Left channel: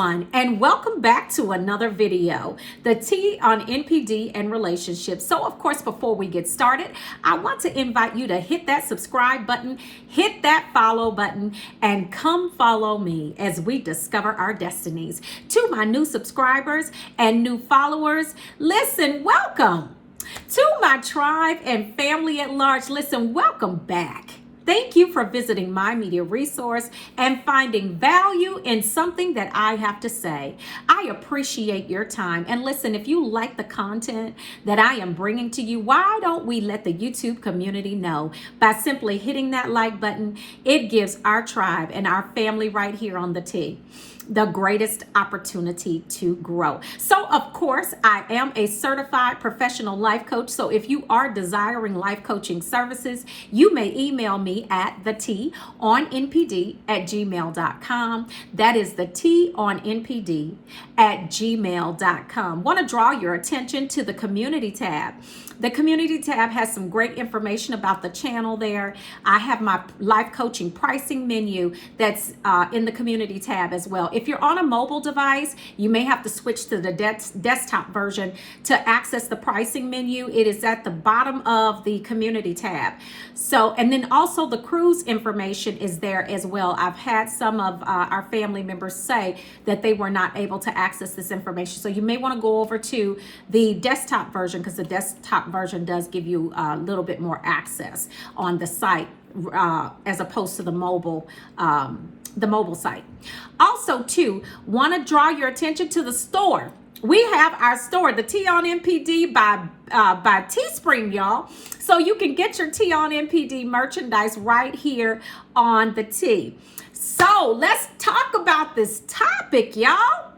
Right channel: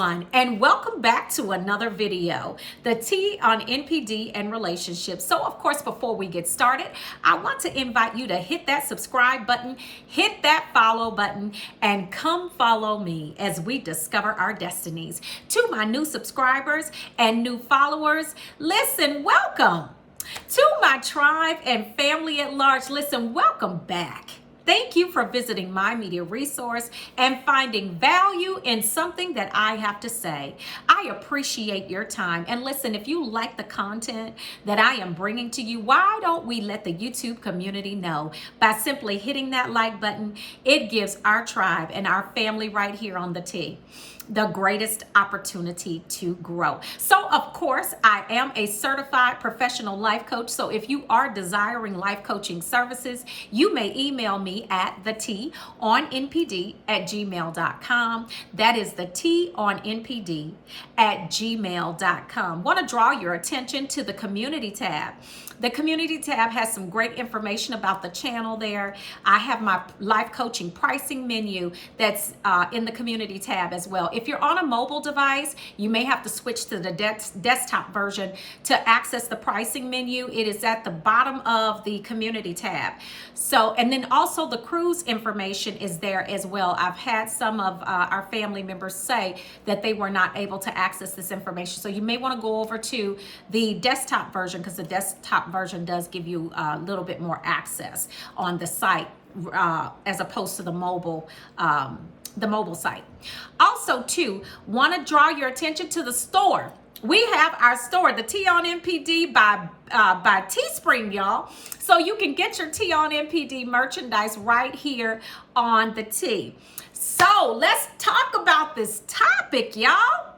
everyone, and welcome back to another video, the T on NPD and relationships. So of course, before we get started, I want to invite you to hit that subscribe button, hit that follow button, and come follow me as we discover our destinies. To my new subscribers and new followers, listen, welcome. To my tribe and family at large, listen, welcome back. Thank you for visiting my media resource and finding value in something that I have to say. I appreciate your time. And listen, if you like the content that I am bringing to you, why don't we let the YouTube community know by simply hitting that like button? It gives our tribe and our family right here on the T the greatest opportunity to grow. So of course, I am a certified professional life coach. So if you are desiring life coaching services, you may email me at theteaonnpd@gmail.com. That is theteaonnpd@gmail.com. Want to draw your attention to the community tab. The community tab has some great information about the channel there. I have my life coaching pricing menu that's in the community tab as well. If you're on a mobile device, you may have to switch to the desktop version to access the pricing menu. It is at the bottom of the community tab. So, and then also the cruise information is there as well. I've had some of our family members say that they were not able to access this information. So you may want to go over to the desktop version because the desktop version does give you a little bit more access on the site as opposed to the mobile site. Also, too, want to draw your attention to the store. We have our store, the T on NPD by Teespring, y'all. So you can get your T on NPD merchandise right here on the T. So let's talk about this topic, y'all.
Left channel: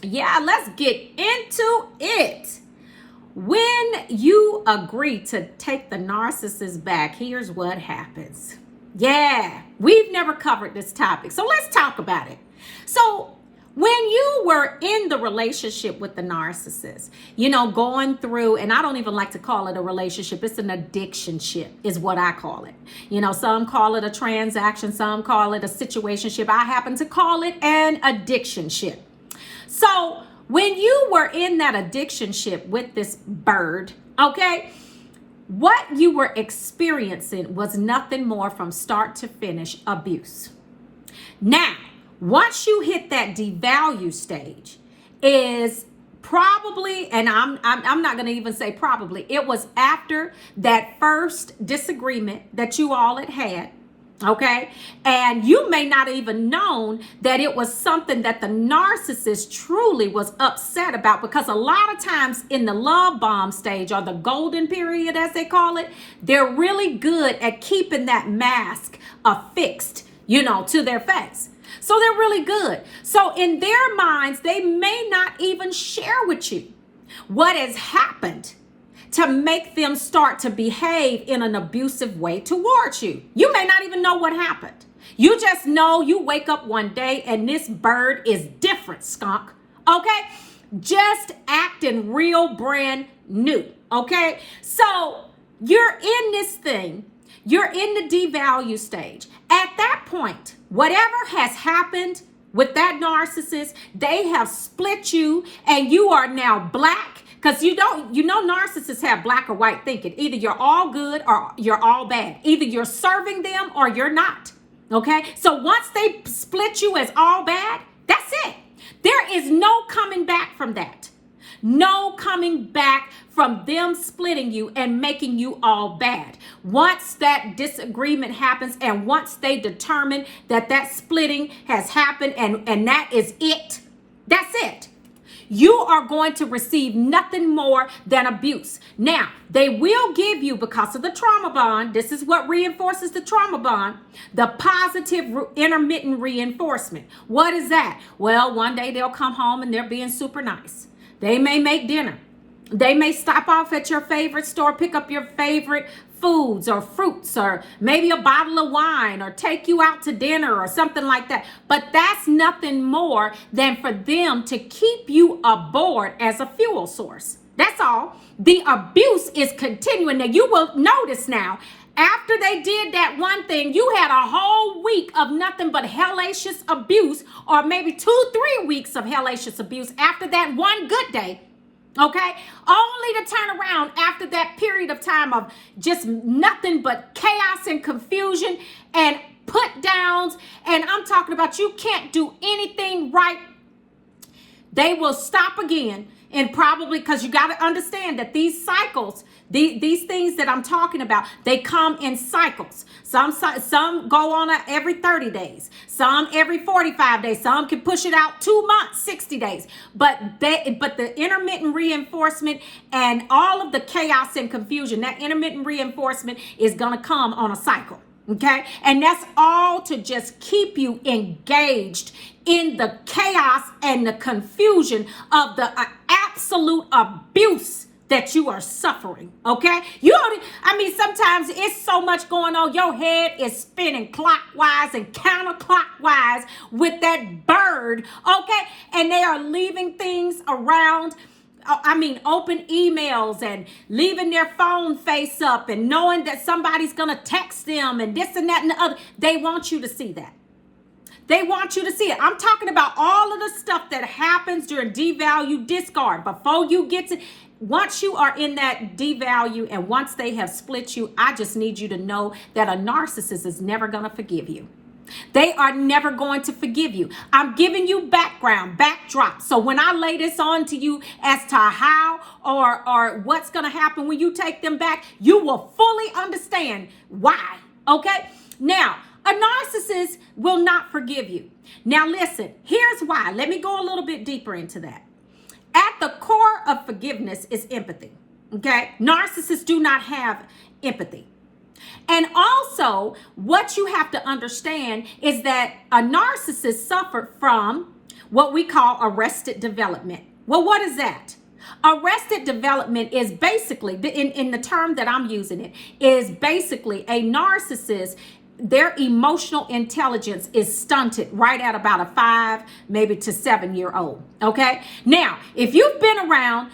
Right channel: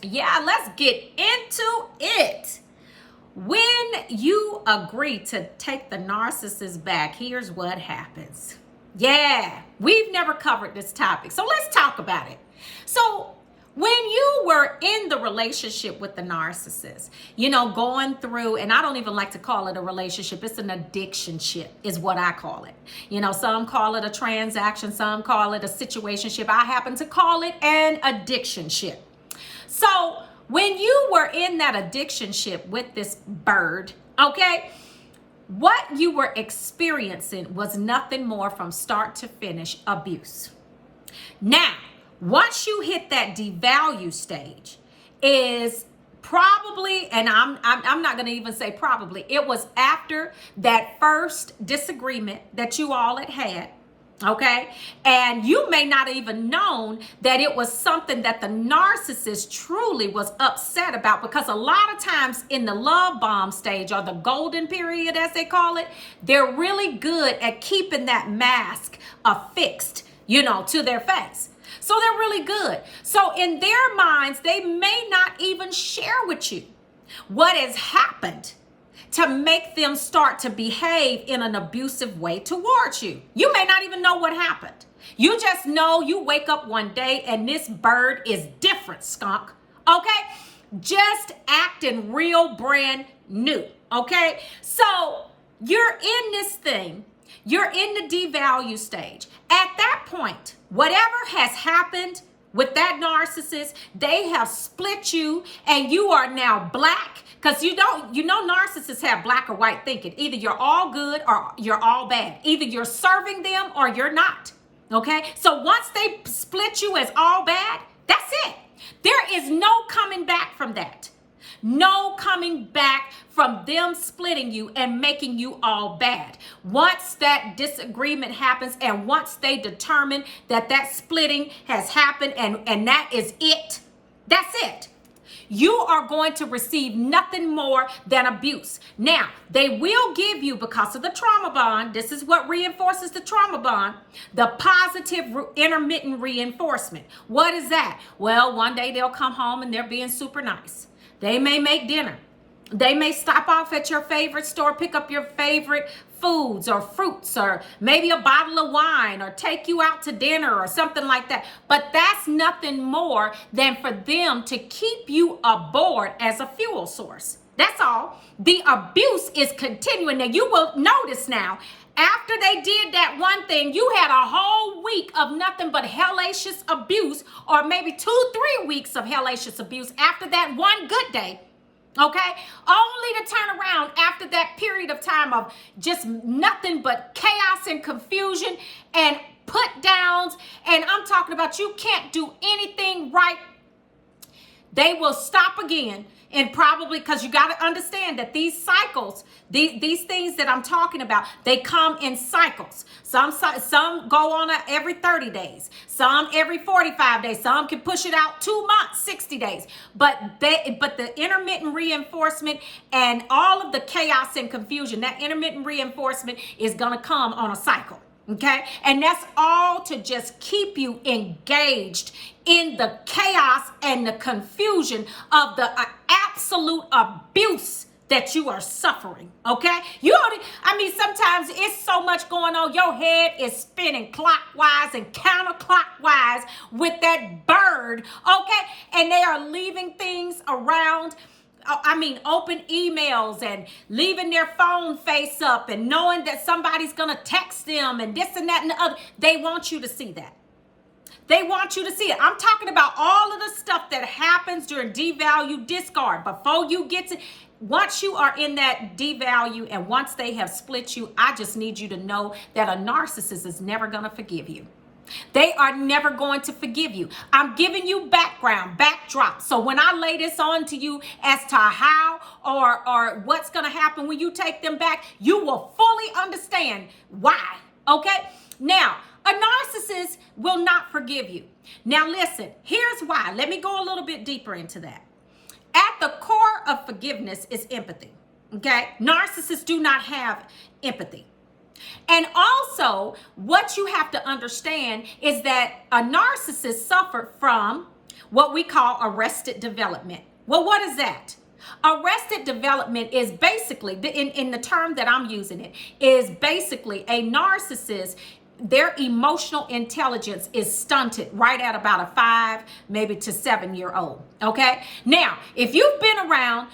Yeah, let's get into it. When you agree to take the narcissist back, here's what happens. Yeah, we've never covered this topic, so let's talk about it. So when you were in the relationship with the narcissist, you know, going through, and I don't even like to call it a relationship, it's an addiction-ship is what I call it. You know, some call it a transaction, some call it a situationship. I happen to call it an addiction-ship. So when you were in that addiction-ship with this bird, okay, what you were experiencing was nothing more from start to finish abuse. Now, once you hit that devalue stage, is probably, and I'm not going to even say probably, it was after that first disagreement that you all had. Okay, and you may not even known that it was something that the narcissist truly was upset about, because a lot of times in the love bomb stage, or the golden period as they call it, they're really good at keeping that mask affixed, you know, to their face. So they're really good. So in their minds, they may not even share with you what has happened to make them start to behave in an abusive way towards you. You may not even know what happened. You just know you wake up one day and this bird is different, skunk. Okay? Just acting real brand new. Okay? So you're in this thing. You're in the devalue stage. At that point, whatever has happened with that narcissist, they have split you and you are now black. Because you know narcissists have black or white thinking. Either you're all good or you're all bad. Either you're serving them or you're not. Okay? So once they split you as all bad, that's it. There is no coming back from that. No coming back from them splitting you and making you all bad. Once that disagreement happens and once they determine that that splitting has happened and that is it, that's it. You are going to receive nothing more than abuse. Now, they will give you, because of the trauma bond, this is what reinforces the trauma bond, the positive intermittent reinforcement. What is that? Well, one day they'll come home and they're being super nice. They may make dinner. They may stop off at your favorite store, pick up your favorite foods or fruits or maybe a bottle of wine or take you out to dinner or something like that. But that's nothing more than for them to keep you aboard as a fuel source. That's all. The abuse is continuing. Now you will notice now, After they did that one thing, you had a whole week of nothing but hellacious abuse, or maybe 2-3 weeks of hellacious abuse after that one good day. Okay? Only to turn around after that period of time of just nothing but chaos and confusion and put downs. And I'm talking about you can't do anything right. They will stop again. And probably because you got to understand that these cycles, these things that I'm talking about, they come in cycles. Some go on every 30 days, some every 45 days, some can push it out 2 months, 60 days. But the intermittent reinforcement and all of the chaos and confusion, that intermittent reinforcement is going to come on a cycle. Okay. And that's all to just keep you engaged in the chaos and the confusion of the absolute abuse that you are suffering. Okay. Sometimes it's so much going on. Your head is spinning clockwise and counterclockwise with that bird. Okay. And they are leaving things around. Open emails and leaving their phone face up and knowing that somebody's going to text them and this and that and the other. They want you to see that. They want you to see it. I'm talking about all of the stuff that happens during devalue, discard. Before you get to, once you are in that devalue and once they have split you, I just need you to know that a narcissist is never going to forgive you. They are never going to forgive you. I'm giving you backdrop. So when I lay this on to you as to how or what's going to happen when you take them back, you will fully understand why. Okay? Now, a narcissist will not forgive you. Now, listen, here's why. Let me go a little bit deeper into that. At the core of forgiveness is empathy. Okay? Narcissists do not have empathy. And also, what you have to understand is that a narcissist suffered from what we call arrested development. Well, what is that? Arrested development is basically, in the term that I'm using it, is basically a narcissist, their emotional intelligence is stunted right at about a 5, maybe to 7-year-old. Okay? Now, if you've been around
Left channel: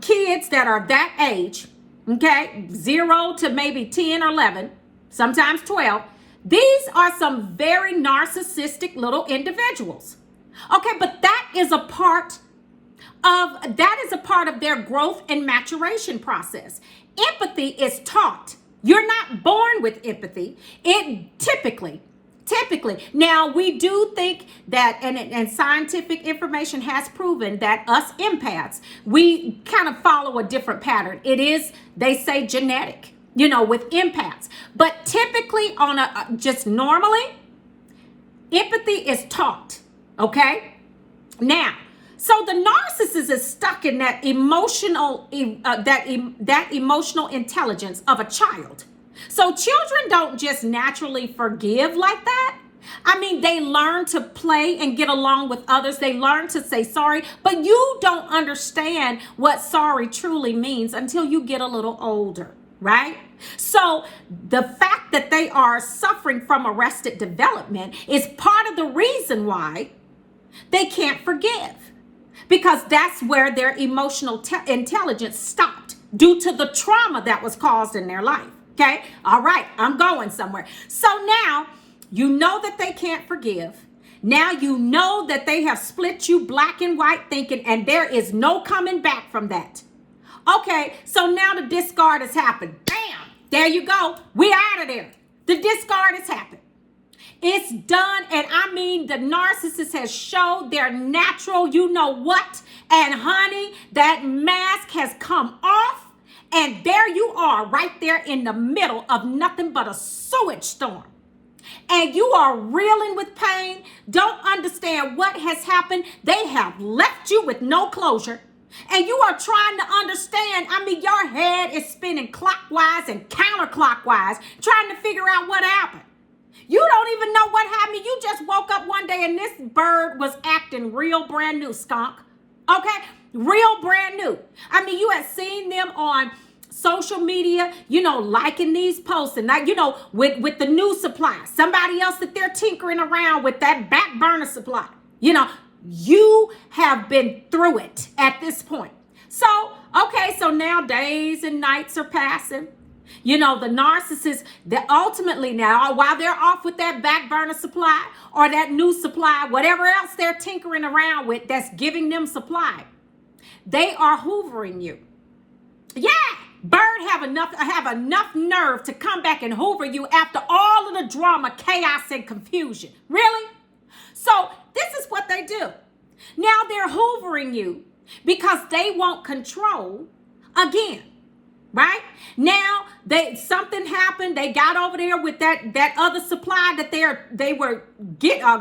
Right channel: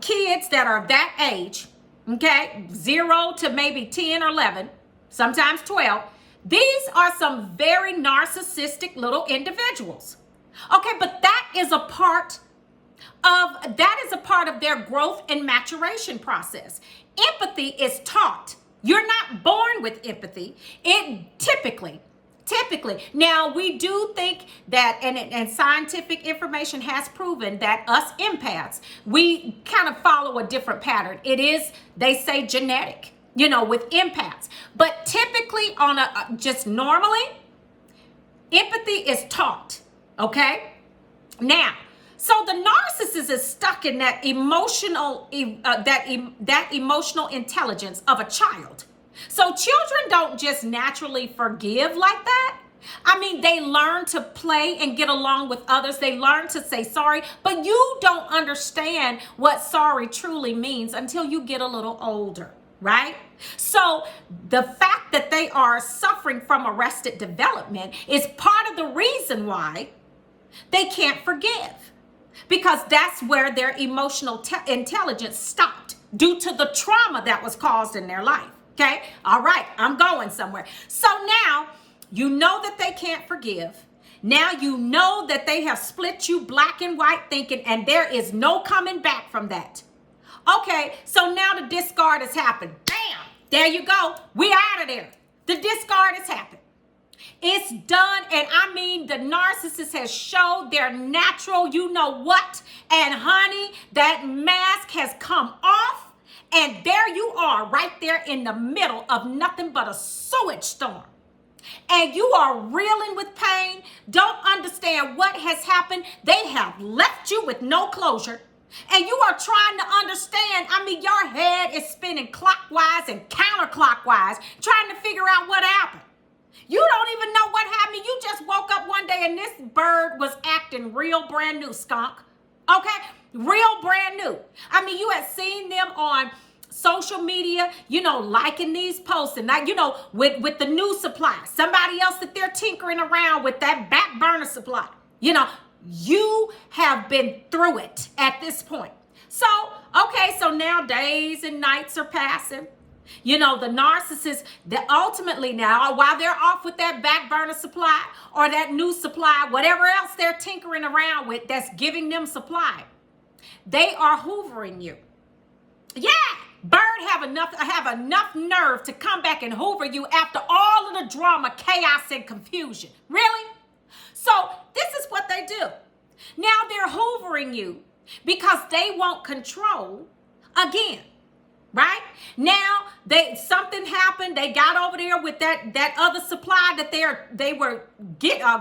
kids that are that age, okay, 0 to maybe 10 or 11, sometimes 12. These are some very narcissistic little individuals. Okay, but that is a part of their growth and maturation process. Empathy is taught. You're not born with empathy. It typically. Now, we do think that, and scientific information has proven that us empaths, we kind of follow a different pattern. It is, they say, genetic, with empaths. But typically just normally, empathy is taught, okay? Now, so the narcissist is stuck in that emotional, that emotional intelligence of a child. So children don't just naturally forgive like that. They learn to play and get along with others. They learn to say sorry, but you don't understand what sorry truly means until you get a little older, right? So the fact that they are suffering from arrested development is part of the reason why they can't forgive, because that's where their emotional intelligence stopped due to the trauma that was caused in their life. Okay. All right. I'm going somewhere. So now you know that they can't forgive. Now you know that they have split you black and white thinking, and there is no coming back from that. Okay. So now the discard has happened. Bam. There you go. We out of there. The discard has happened. It's done. And the narcissist has showed their natural, you know what? And honey, that mask has come off. And there you are right there in the middle of nothing but a sewage storm. And you are reeling with pain, don't understand what has happened. They have left you with no closure. And you are trying to understand. Your head is spinning clockwise and counterclockwise, trying to figure out what happened. You don't even know what happened. You just woke up one day and this bird was acting real brand new, skunk. Okay? Real brand new. You had seen them on social media, liking these posts and with the new supply. Somebody else that they're tinkering around with that back burner supply. You have been through it at this point. So, okay, so now days and nights are passing. You know, the narcissist, that ultimately now, while they're off with that back burner supply or that new supply, whatever else they're tinkering around with that's giving them supply, they are hoovering you. Yeah, bird have enough nerve to come back and hoover you after all of the drama, chaos, and confusion. Really? So this is what they do. Now they're hoovering you because they want control again. Right? Now something happened. They got over there with that other supply that they were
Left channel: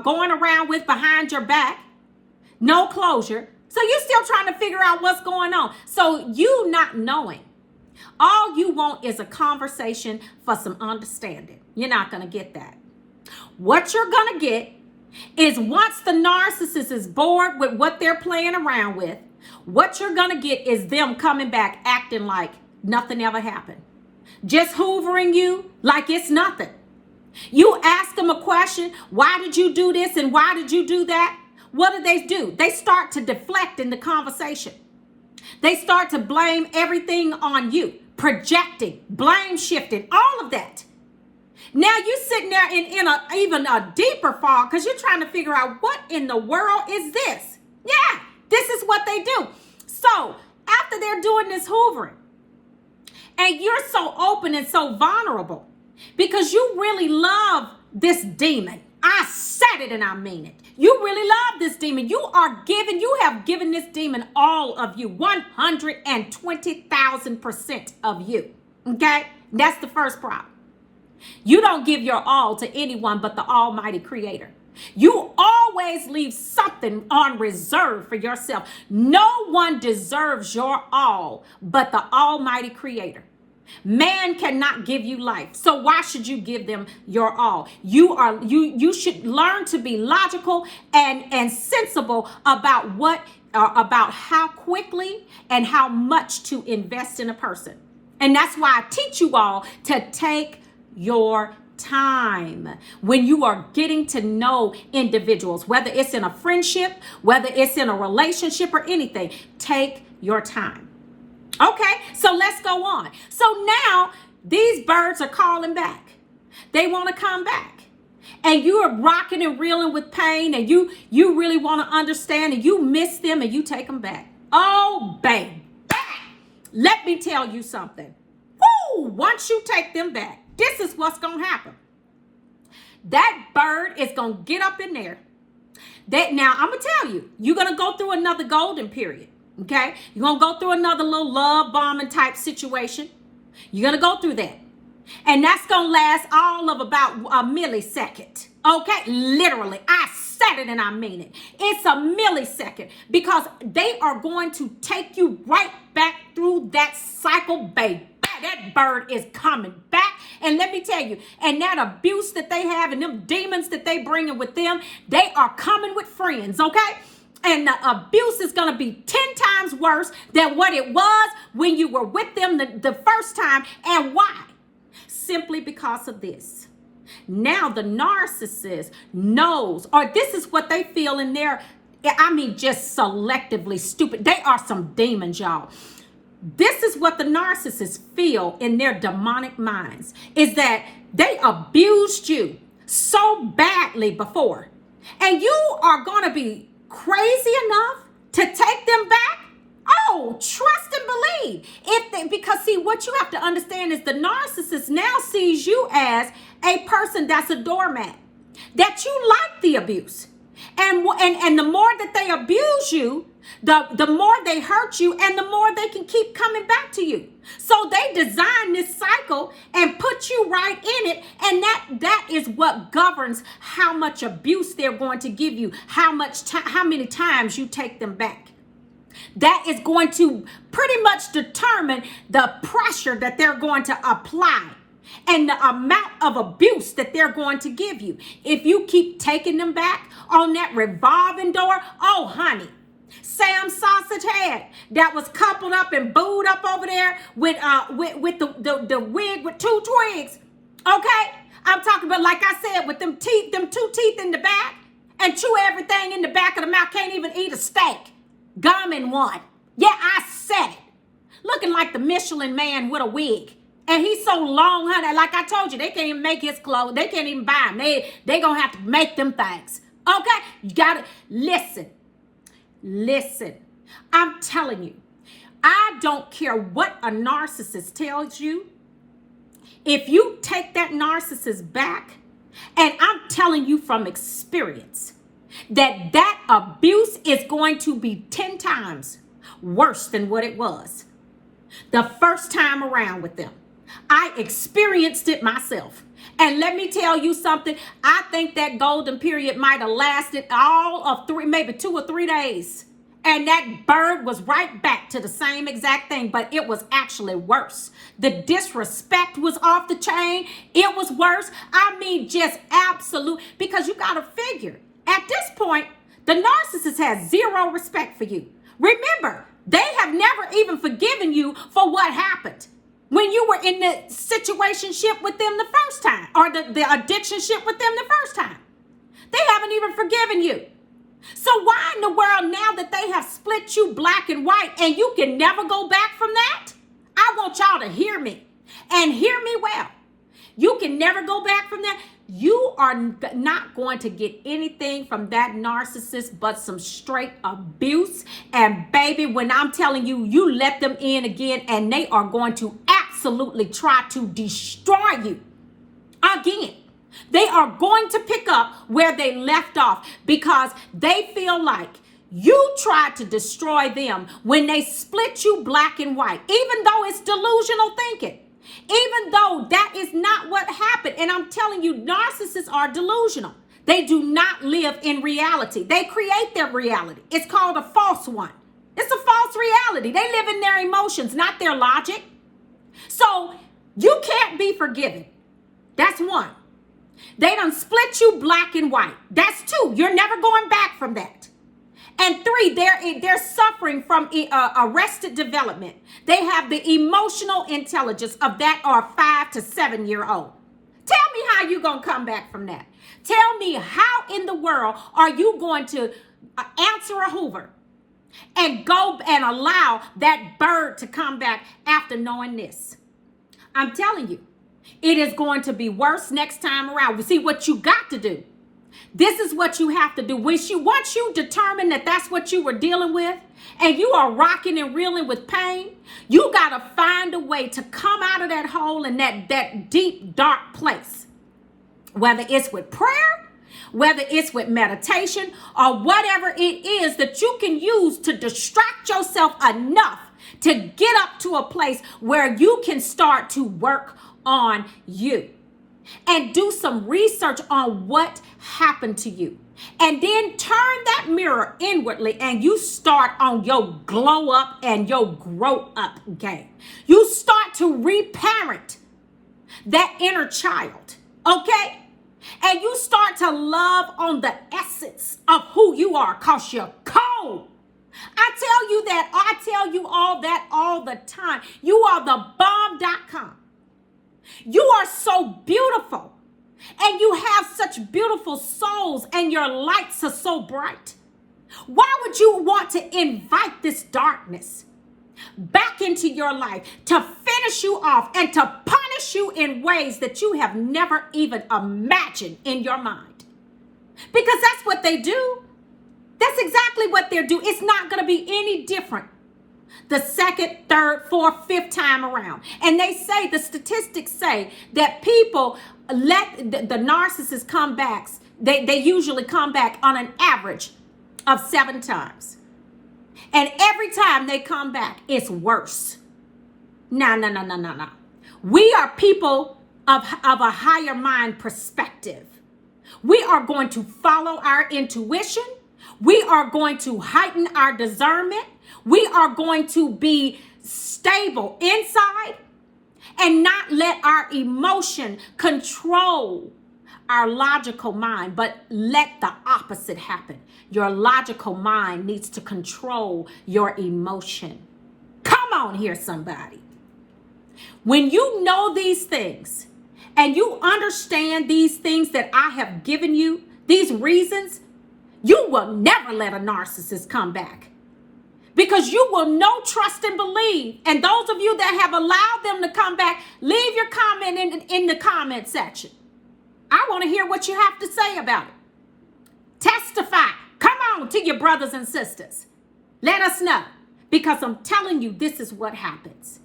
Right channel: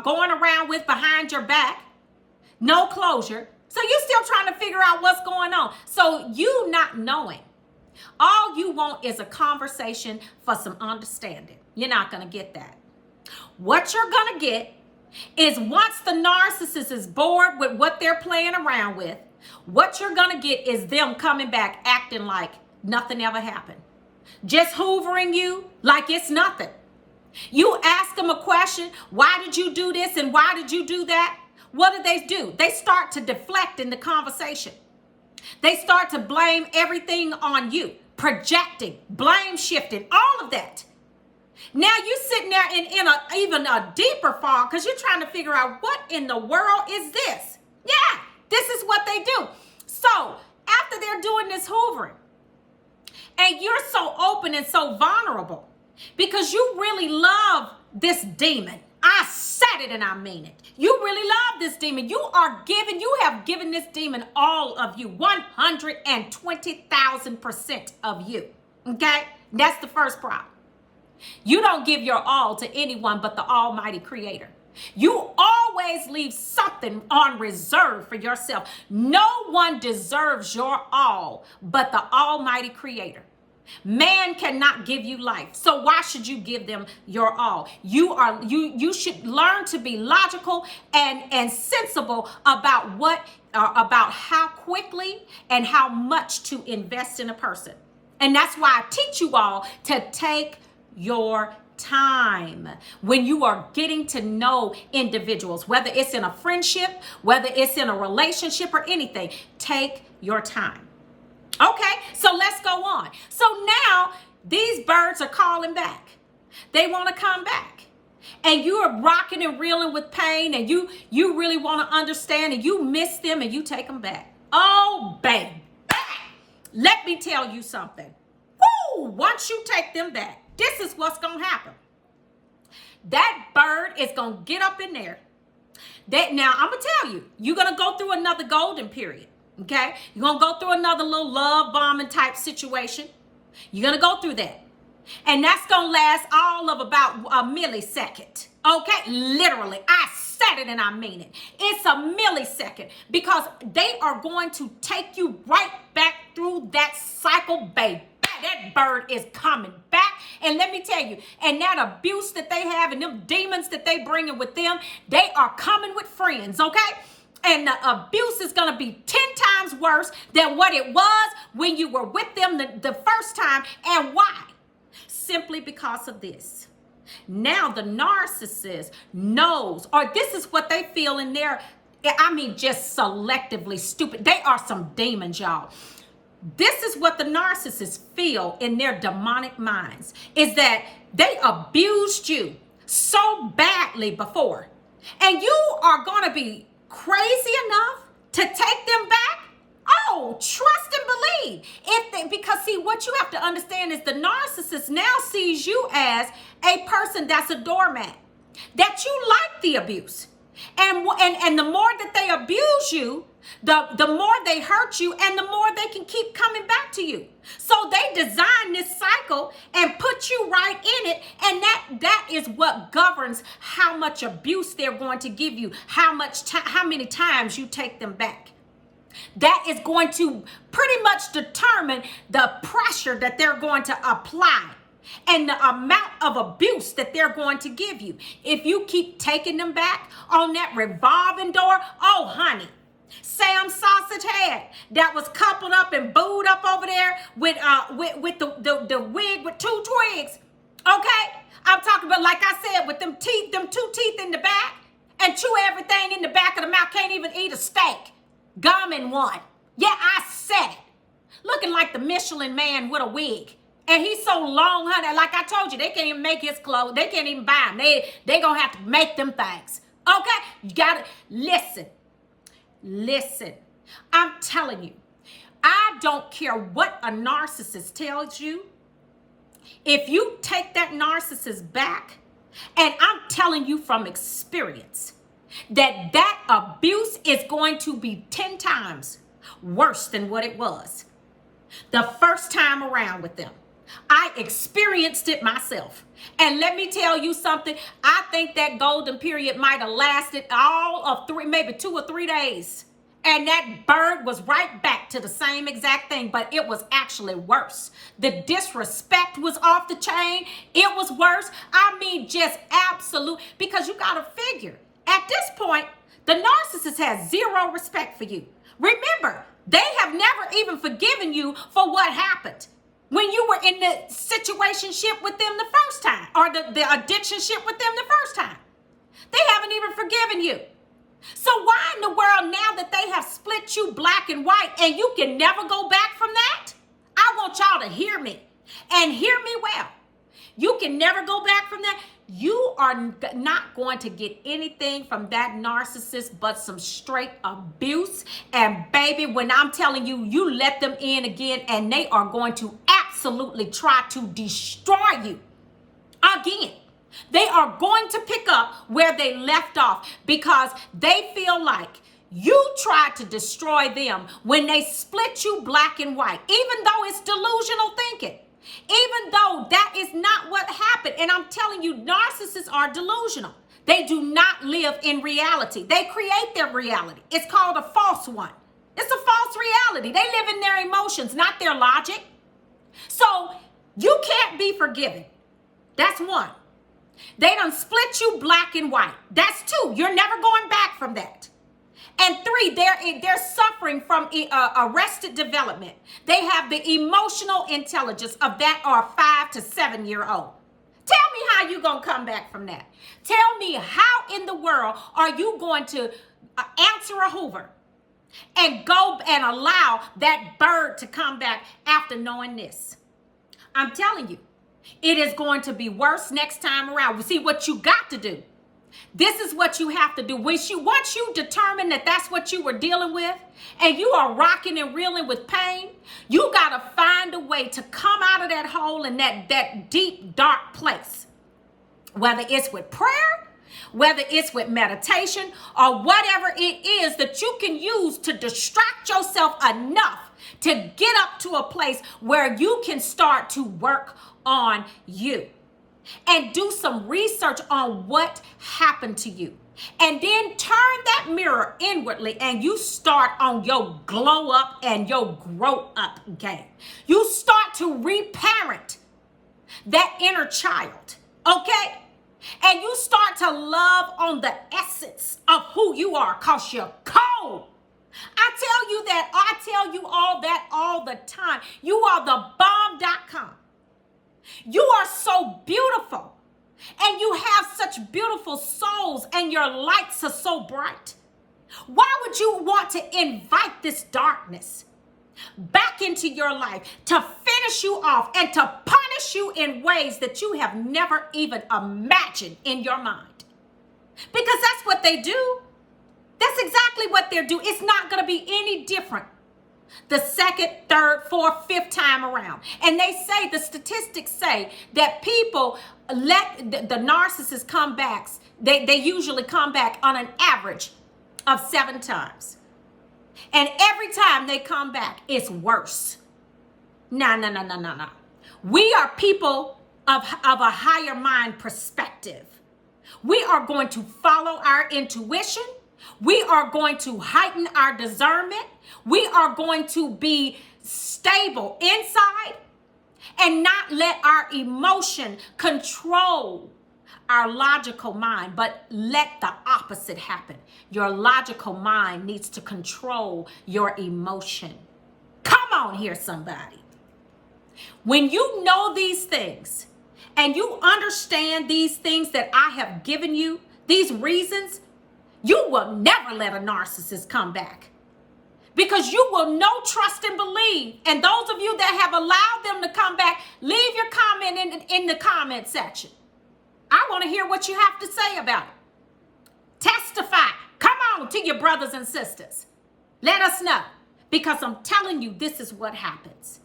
going around with behind your back. No closure. So you're still trying to figure out what's going on. So you not knowing. All you want is a conversation for some understanding. You're not going to get that. What you're going to get is once the narcissist is bored with what they're playing around with, what you're going to get is them coming back acting like nothing ever happened. Just hoovering you like it's nothing. You ask them a question, why did you do this and why did you do that? What do? They start to deflect in the conversation. They start to blame everything on you, projecting, blame shifting, all of that. Now you're sitting there in even a deeper fog because you're trying to figure out what in the world is this? Yeah, this is what they do. So after they're doing this hoovering, and you're so open and so vulnerable because you really love this demon. I said it and I mean it. You really love this demon. You have given this demon all of you, 120,000% of you. Okay? That's the first problem. You don't give your all to anyone but the Almighty Creator. You always leave something on reserve for yourself. No one deserves your all but the Almighty Creator. Man cannot give you life. So why should you give them your all? You should learn to be logical and sensible about how quickly and how much to invest in a person. And that's why I teach you all to take your time when you are getting to know individuals, whether it's in a friendship, whether it's in a relationship or anything. Take your time. Okay, so let's go on. So now these birds are calling back. They want to come back. And you are rocking and reeling with pain and you really want to understand and you miss them and you take them back. Oh, babe. Let me tell you something. Woo! Once you take them back, this is what's going to happen. That bird is going to get up in there. Now, I'm going to tell you, you're going to go through another golden period. Okay, you're going to go through another little love bombing type situation. You're going to go through that. And that's going to last all of about a millisecond. Okay, literally, I said it and I mean it. It's a millisecond because they are going to take you right back through that cycle, babe. That bird is coming back. And let me tell you, and that abuse that they have and them demons that they bring in with them, they are coming with friends, okay? And the abuse is going to be 10 times worse than what it was when you were with them the first time. And why? Simply because of this. Now the narcissist knows, or this is what they feel in their, just selectively stupid. They are some demons, y'all. This is what the narcissists feel in their demonic minds, is that they abused you so badly before. And you are going to be crazy enough to take them back? Oh, trust and believe. Because see, what you have to understand is the narcissist now sees you as a person that's a doormat, that you like the abuse. And the more that they abuse you, the more they hurt you and the more they can keep coming back to you. So they design this cycle and put you right in it. And that is what governs how much abuse they're going to give you, how many times you take them back. That is going to pretty much determine the pressure that they're going to apply and the amount of abuse that they're going to give you. If you keep taking them back on that revolving door, oh, honey, Sam Sausage Head that was coupled up and booed up over there with the wig with two twigs. Okay? I'm talking about, like I said, with them two teeth in the back and chew everything in the back of the mouth. Can't even eat a steak. Gum in one. Yeah, I said it. Looking like the Michelin man with a wig. And he's so long, honey. Like I told you, they can't even make his clothes. They can't even buy them. They gonna have to make them things. Okay? You gotta listen. Listen. I'm telling you, I don't care what a narcissist tells you. If you take that narcissist back, and I'm telling you from experience, that abuse is going to be 10 times worse than what it was the first time around with them. I experienced it myself. And let me tell you something. I think that golden period might have lasted all of maybe 2 or 3 days. And that bird was right back to the same exact thing, but it was actually worse. The disrespect was off the chain. It was worse. I mean, just absolute, because you got to figure, at this point, the narcissist has zero respect for you. Remember, they have never even forgiven you for what happened when you were in the situationship with them the first time, or the addictionship with them the first time. They haven't even forgiven you. So why in the world, now that they have split you black and white and you can never go back from that? I want y'all to hear me, and hear me well. You can never go back from that. You are not going to get anything from that narcissist but some straight abuse. And baby, when I'm telling you, you let them in again, and they are going to absolutely try to destroy you again. They are going to pick up where they left off, because they feel like you tried to destroy them when they split you black and white, even though it's delusional thinking. Even though that is not what happened. And I'm telling you, narcissists are delusional. They do not live in reality. They create their reality. It's called a false one. It's a false reality. They live in their emotions, not their logic. So you can't be forgiven. That's one. They done split you black and white. That's two. You're never going back from that. And three, they're suffering from arrested development. They have the emotional intelligence of that or 5 to 7 year old. Tell me how you going to come back from that. Tell me how in the world are you going to answer a Hoover and go and allow that bird to come back after knowing this? I'm telling you, it is going to be worse next time around. See, what you got to do, this is what you have to do. Once you determine that that's what you were dealing with, and you are rocking and reeling with pain, you got to find a way to come out of that hole in that deep, dark place. Whether it's with prayer, whether it's with meditation, or whatever it is that you can use to distract yourself enough to get up to a place where you can start to work on you and do some research on what happened to you. And then turn that mirror inwardly and you start on your glow up and your grow up game. You start to reparent that inner child, okay? And you start to love on the essence of who you are, because you're cold. I tell you that, I tell you all that all the time. You are the bomb.com. You are so beautiful, and you have such beautiful souls, and your lights are so bright. Why would you want to invite this darkness back into your life to finish you off and to punish you in ways that you have never even imagined in your mind? Because that's what they do. That's exactly what they're doing. It's not going to be any different the second, third, fourth, fifth time around. And they say, the statistics say that people let the narcissists come back. They usually come back on an average of 7 times. And every time they come back, it's worse. No. We are people of a higher mind perspective. We are going to follow our intuition. We are going to heighten our discernment. We are going to be stable inside and not let our emotion control our logical mind, but let the opposite happen. Your logical mind needs to control your emotion. Come on here, somebody. When you know these things and you understand these things that I have given you, these reasons, you will never let a narcissist come back. because you will know, trust, and believe. And those of you that have allowed them to come back, leave your comment in the comment section. I want to hear what you have to say about it. Testify. Come on to your brothers and sisters. Let us know, because I'm telling you, this is what happens.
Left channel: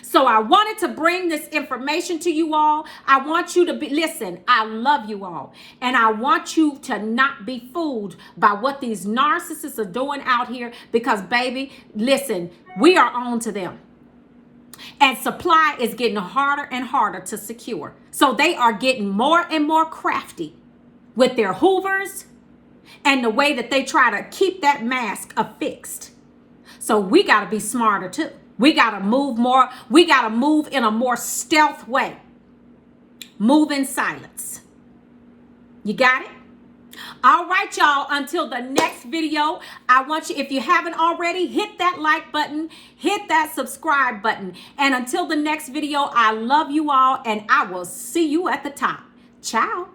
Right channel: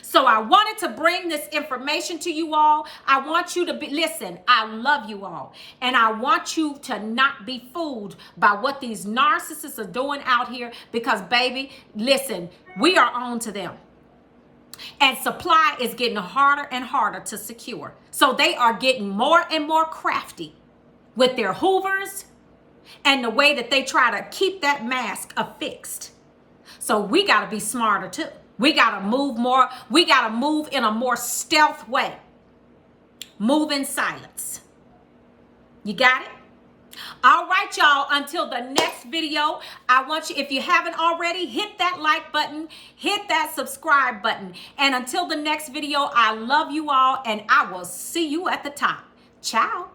So I wanted to bring this information to you all. I want you to listen, I love you all. And I want you to not be fooled by what these narcissists are doing out here, because baby, listen, we are on to them. And supply is getting harder and harder to secure. So they are getting more and more crafty with their hoovers and the way that they try to keep that mask affixed. So we got to be smarter too. We got to move more. We got to move in a more stealth way. Move in silence. You got it? All right, y'all. Until the next video, I want you, if you haven't already, hit that like button, hit that subscribe button. And until the next video, I love you all, and I will see you at the top. Ciao.